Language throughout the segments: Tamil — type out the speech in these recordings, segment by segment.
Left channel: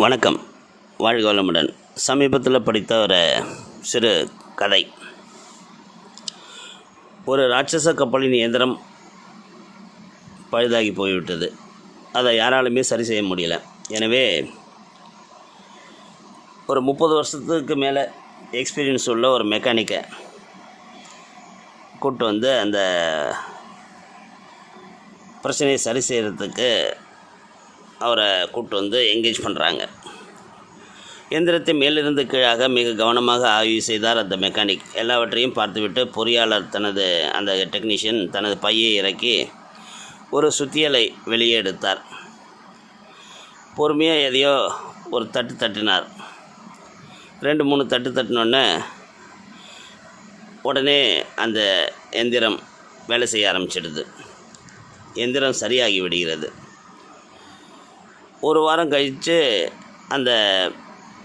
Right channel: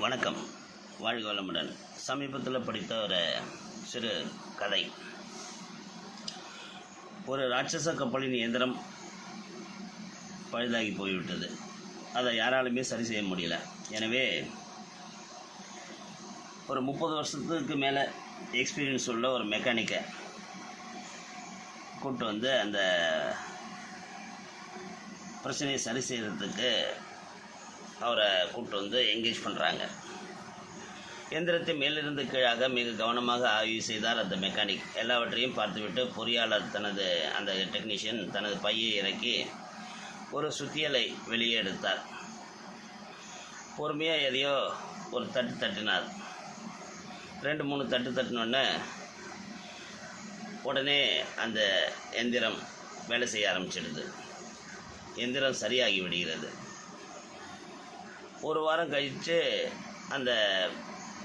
வணக்கம். வாழ்க வளமுடன். சமீபத்தில் படித்த ஒரு சிறு கதை. ஒரு ராட்சச கப்பலின் இயந்திரம் பழுதாகி போய்விட்டது. அதை யாராலுமே சரி செய்ய முடியல. எனவே ஒரு முப்பது வருஷத்துக்கு மேலே எக்ஸ்பீரியன்ஸ் உள்ள ஒரு மெக்கானிக்கை கூப்பிட்டு வந்து அந்த பிரச்சனையை சரி செய்கிறதுக்கு அவரை கூப்பிட்டு வந்து என்கேஜ் பண்ணுறாங்க எந்திரத்தை மேலிருந்து கீழாக மிக கவனமாக ஆய்வு செய்தார் அந்த மெக்கானிக் எல்லாவற்றையும் பார்த்துவிட்டு பொறியாளர் தனது அந்த டெக்னீஷியன் தனது பையை இறக்கி ஒரு சுத்தியலை வெளியே எடுத்தார். பொறுமையாக எதையோ ஒரு தட்டு தட்டினார். ரெண்டு மூணு தட்டு தட்டினோடனே உடனே அந்த எந்திரம் வேலை செய்ய ஆரம்பிச்சிடுது. எந்திரம் சரியாகி விடுகிறது. ஒரு வாரம் கழித்து அந்த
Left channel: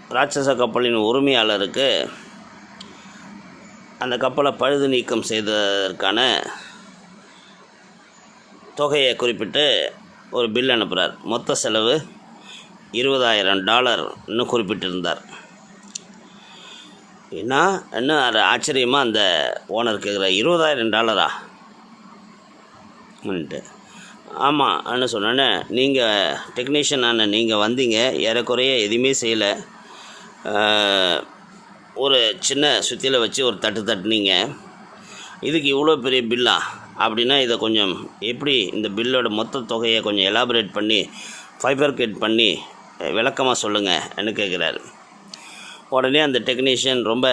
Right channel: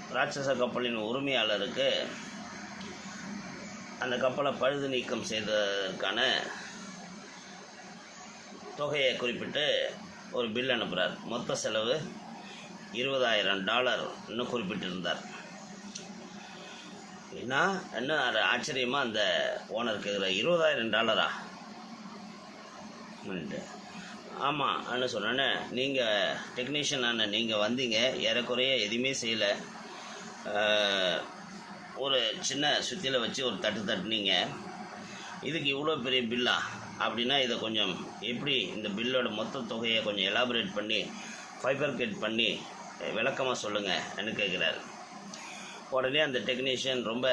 ராட்சச கப்பலின் உரிமையாளருக்கு அந்த கப்பலை பழுது நீக்கம் செய்ததற்கான தொகையை குறிப்பிட்டு ஒரு பில் அனுப்புகிறார் மொத்த செலவு இருபதாயிரம் டாலர்னு குறிப்பிட்டிருந்தார். என்ன இன்னும் அது ஆச்சரியமாக அந்த ஓனர் கேட்குற இருபதாயிரம் டாலரா? அப்படின்ட்டு. ஆமாம் என்ன சொன்னேன்னே நீங்கள் டெக்னீஷியன் அண்ணன் நீங்கள் வந்தீங்க ஏறக்குறைய எதுவுமே செய்யலை. ஒரு சின்ன சுத்தியில் வச்சு ஒரு தட்டு தட்டுனீங்க. இதுக்கு இவ்வளோ பெரிய பில்லா அப்படின்னா இதை கொஞ்சம் எப்படி இந்த பில்லோட மொத்த தொகையை கொஞ்சம் எலாபரேட் பண்ணி ஃபைபர்கேட் பண்ணி விளக்கமாக சொல்லுங்கள் என்று கேட்குறாரு உடனே அந்த டெக்னீஷியன் ரொம்ப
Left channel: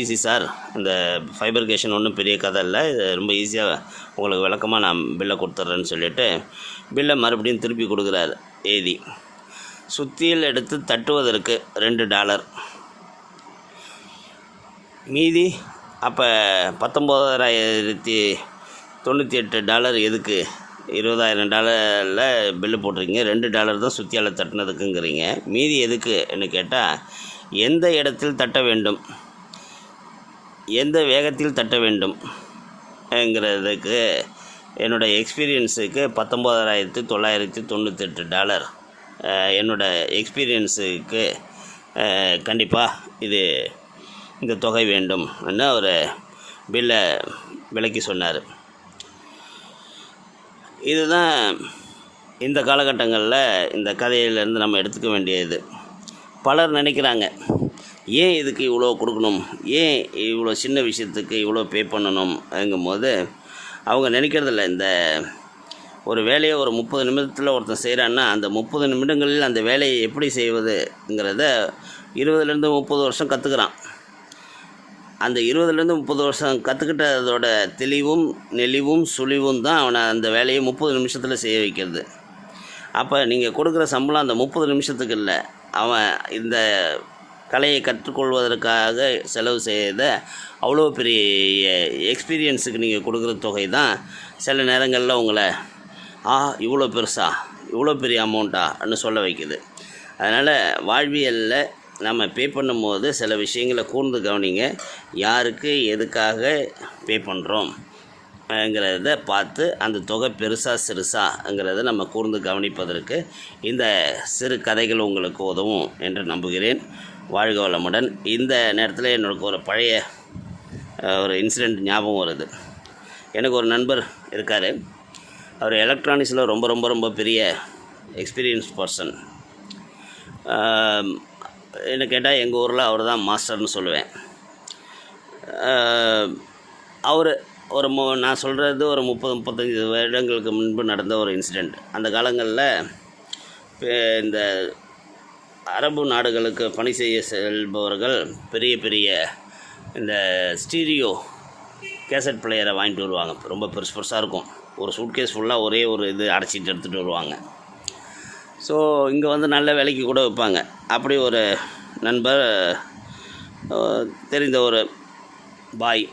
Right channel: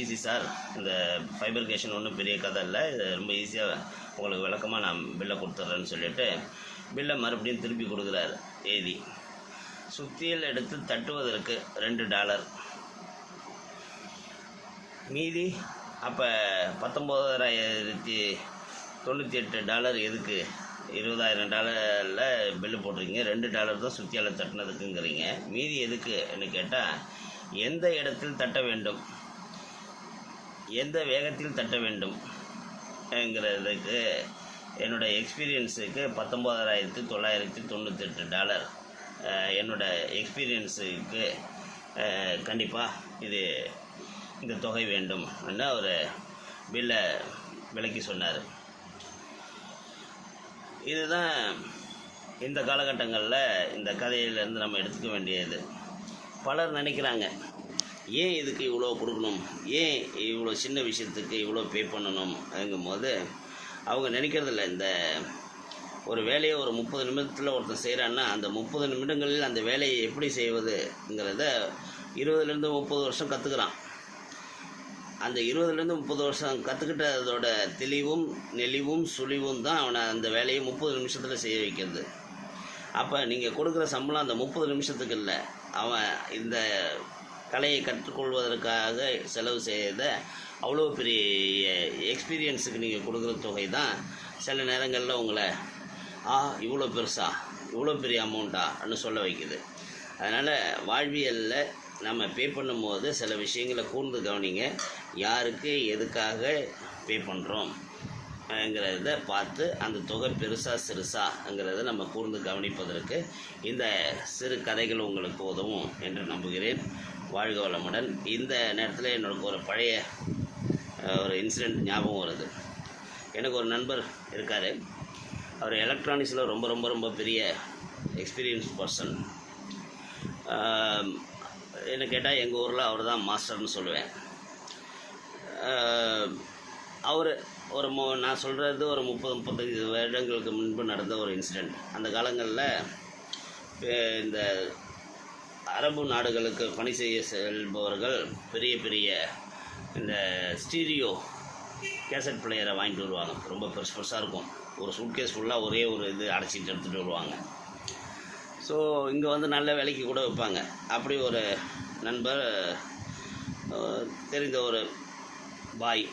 ஈஸி சார் இந்த ஃபைபர்கேஷன் ஒன்றும் பெரிய கதை இல்லை. இது ரொம்ப ஈஸியாக உங்களுக்கு விளக்கமாக நான் பில்லை கொடுத்துட்றேன்னு சொல்லிட்டு பில்லை மறுபடியும் திருப்பி கொடுக்குறாரு ஏதி. சுத்தியில் எடுத்து தட்டுவதற்கு ரெண்டு டாலர். மீதி அப்போ பத்தொம்போதாயிரத்தி தொண்ணூற்றி எட்டு டாலர் எதுக்கு? இருபதாயிரம் டாலரில் பில்லு போட்டிருக்கீங்க. ரெண்டு டாலர் தான் சுத்தியால் தட்டினதுக்குங்கிறீங்க. மீதி எதுக்குன்னு கேட்டால் எந்த இடத்தில் தட்ட வேண்டும்? எந்த வேகத்தில் தட்ட வேண்டும்? என்கிறதுக்கு என்னோடய எக்ஸ்பீரியன்ஸுக்கு பத்தொம்போதாயிரத்தி தொள்ளாயிரத்தி தொண்ணூத்தெட்டு டாலர். என்னோடய எக்ஸ்பீரியன்ஸுக்கு கண்டிப்பாக இது இந்த தொகை வேண்டும் ஒரு பில்லை விளக்கி சொன்னார். இதுதான் இந்த காலகட்டங்களில் இந்த கதையிலேருந்து நம்ம எடுத்துக்க வேண்டியது. பலர் நினைக்கிறாங்க ஏன் இதுக்கு இவ்வளோ கொடுக்கணும்? ஏன் இவ்வளோ சின்ன விஷயத்துக்கு இவ்வளோ பே பண்ணணும்? போது அவங்க நினைக்கிறதில்ல. இந்த ஒரு வேலையை ஒரு முப்பது நிமிடத்தில் ஒருத்தன் செய்கிறான்னா அந்த முப்பது நிமிடங்களில் அந்த வேலையை எப்படி செய்வதுங்கிறத இருபதுலேருந்து முப்பது வருஷம் கற்றுக்குறான் அந்த இருபதுலேருந்து முப்பது வருஷம் கற்றுக்கிட்டதோட தெளிவும் நெளிவும் சுழிவும் தான் அவனை அந்த வேலையை முப்பது நிமிஷத்தில் செய்ய வைக்கிறது. அப்போ நீங்கள் கொடுக்குற சம்பளம் அந்த முப்பது நிமிஷத்துக்கு இல்லை. அவன் இந்த கலையை கற்றுக்கொள்வதற்காக செலவு செய்த அவ்வளோ பெரிய எக்ஸ்பீரியன்ஸுக்கு நீங்கள் கொடுக்குற தொகை தான் சில நேரங்களில் உங்களை ஆ இவ்வளோ பெருசா? இவ்வளோ பெரிய அமௌண்ட்டான்னு சொல்ல வைக்குது. அதனால் வாழ்வியலில் நம்ம பே பண்ணும்போது சில விஷயங்களை கூர்ந்து கவனிங்க. யாருக்கு எதுக்காக பே பண்ணுறோம் ங்கிறத பார்த்து அந்த தொகை பெருசா சிறுசாங்கிறத நம்ம கூர்ந்து கவனிப்பதற்கு இந்த சிறு கதைகள் உங்களுக்கு உதவும் என்று நம்புகிறேன். வாழ்க வளமுடன். இந்த நேரத்தில் என்னோட ஒரு பழைய ஒரு இன்சிடெண்ட் ஞாபகம் வருது. எனக்கு ஒரு நண்பர் இருக்கார். அவர் எலக்ட்ரானிக்ஸில் ரொம்ப ரொம்ப ரொம்ப பெரிய எக்ஸ்பீரியன்ஸ் பர்சன் என்ன கேட்டால் எங்கள் ஊரில் அவர் தான் மாஸ்டர்னு சொல்லுவேன். அவர் ஒரு மு நான் சொல்கிறது ஒரு முப்பது முப்பத்தஞ்சு வருடங்களுக்கு முன்பு நடந்த ஒரு இன்சிடெண்ட் அந்த காலங்களில் இந்த அரபு நாடுகளுக்கு பணி செய்ய செல்பவர்கள் பெரிய பெரிய இந்த ஸ்டீரியோ கேசட் பிளேயரை வாங்கிட்டு வருவாங்க. ரொம்ப பெருசு பெருசாக இருக்கும். ஒரு சூட்கேஸ் ஃபுல்லாக ஒரே ஒரு இது அடைச்சிட்டு எடுத்துகிட்டு வருவாங்க. ஸோ இங்கே வந்து நல்ல விலைக்கு கூட விற்பாங்க அப்படி ஒரு நண்பர் தெரிந்த ஒரு பாய்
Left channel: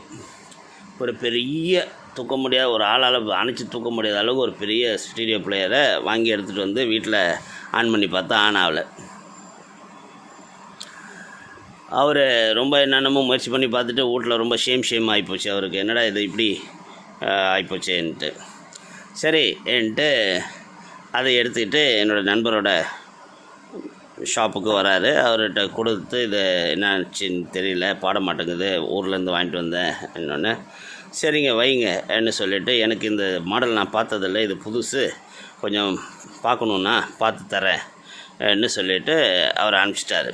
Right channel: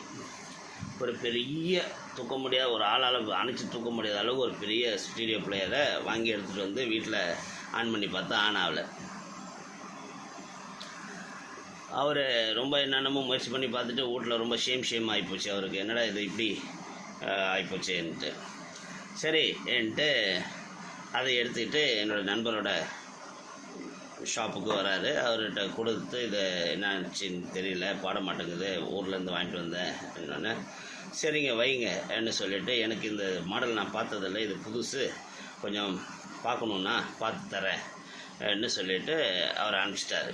ஒரு பெரிய தூக்க முடியாத ஒரு ஆளால் அணைச்சி தூக்க முடியாத அளவுக்கு ஒரு பெரிய ஸ்டீடியோ பிளேயரை வாங்கி எடுத்துகிட்டு வந்து வீட்டில் ஆன் பண்ணி பார்த்தா ஆன் ஆகலை. அவர் ரொம்ப என்னென்னமோ முயற்சி பண்ணி பார்த்துட்டு வீட்டில் ரொம்ப ஷேம் ஷேம் ஆகிப்போச்சு அவருக்கு என்னடா இது இப்படி ஆகிப்போச்சேன்ட்டு சரி என்ட்டு அதை எடுத்துக்கிட்டு என்னோடய நண்பரோட ஷாப்புக்கு வராரு. அவர்கிட்ட கொடுத்து இது என்னாச்சுன்னு தெரியல பாட மாட்டேங்குது ஊர்லேருந்து வாங்கிட்டு வந்தேன் என்னொன்னே. சரிங்க வைங்க என்ன சொல்லிவிட்டு எனக்கு இந்த மாடல் நான் பார்த்ததில்ல இது புதுசு கொஞ்சம் பார்க்கணுன்னா பார்த்து தரேன் சொல்லிவிட்டு அவர் அனுப்பிச்சிட்டாரு.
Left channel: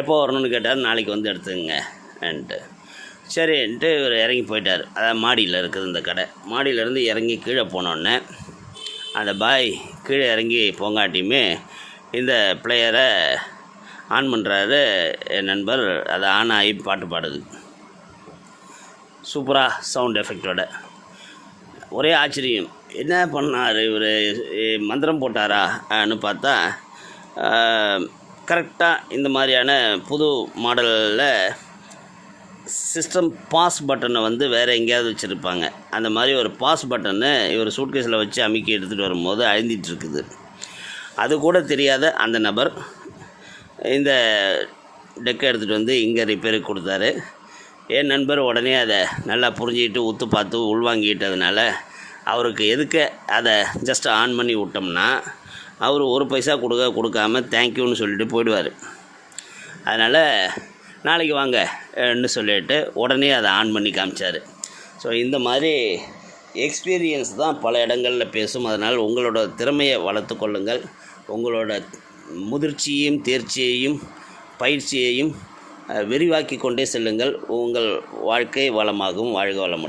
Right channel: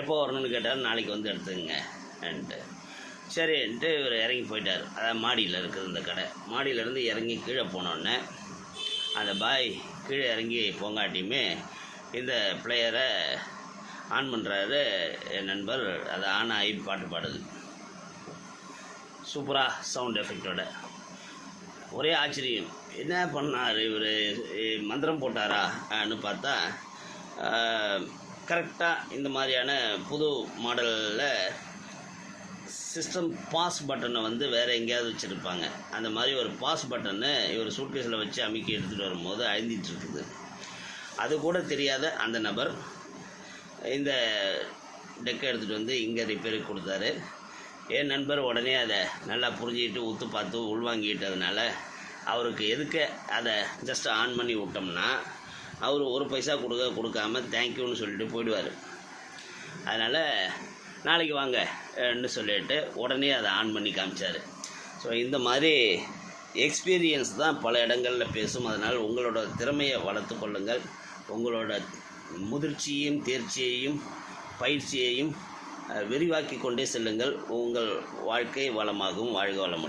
எப்போ வரணும்னு கேட்டார் நாளைக்கு வந்து எடுத்துங்க சரின்ட்டு இவர் இறங்கி போயிட்டார். அதான் மாடியில் இருக்குது இந்த கடை. மாடியிலேருந்து இறங்கி கீழே போனோடனே அந்த பாய் கீழே இறங்கி போங்காட்டியுமே இந்த பிளேயரை ஆன் பண்ணுறாரு என் நண்பர் அதை ஆன் ஆகி பாட்டு பாடுது. சூப்பராக சவுண்ட் எஃபெக்டோட ஒரே ஆச்சரியம். என்ன பண்ணார் இவர்? மந்திரம் போட்டாரா? அப்படின்னு பார்த்தா கரெக்டாக இந்த மாதிரியான புது மாடலில் சிஸ்டம் பாஸ் பட்டனை வந்து வேறு எங்கேயாவது வச்சுருப்பாங்க. அந்த மாதிரி ஒரு பாஸ் பட்டனை இவர் சூட்கேஸில் வச்சு அமுக்கி எடுத்துகிட்டு வரும்போது அழுந்திட்டு இருக்குது. அது கூட தெரியாத அந்த நபர் இந்த டெக்கை எடுத்துகிட்டு வந்து இங்கே ரிப்பேருக்கு கொடுத்தாரு. என் நண்பர் உடனே அதை நல்லா புரிஞ்சுக்கிட்டு உத்து பார்த்து உள்வாங்கிட்டதுனால அவருக்கு எதுக்க அதை ஜஸ்ட் ஆன் பண்ணி விட்டோம்னா அவர் ஒரு பைசா கொடுக்க கொடுக்காம தேங்க்யூன்னு சொல்லிட்டு போயிடுவார். அதனால் நாளைக்கு வாங்கன்னு சொல்லிட்டு உடனே அதை ஆன் பண்ணி காமிச்சார். ஸோ இந்த மாதிரி எக்ஸ்பீரியன்ஸ் தான் பல இடங்களில் பேசும். அதனால் உங்களோட திறமையை வளர்த்து கொள்ளுங்கள். உங்களோட முதிர்ச்சியையும் தேர்ச்சியையும் பயிற்சியையும் விரிவாக்கி கொண்டே செல்லுங்கள். உங்கள் வாழ்க்கை வளமாகவும் வாழ்க வளமுடன்.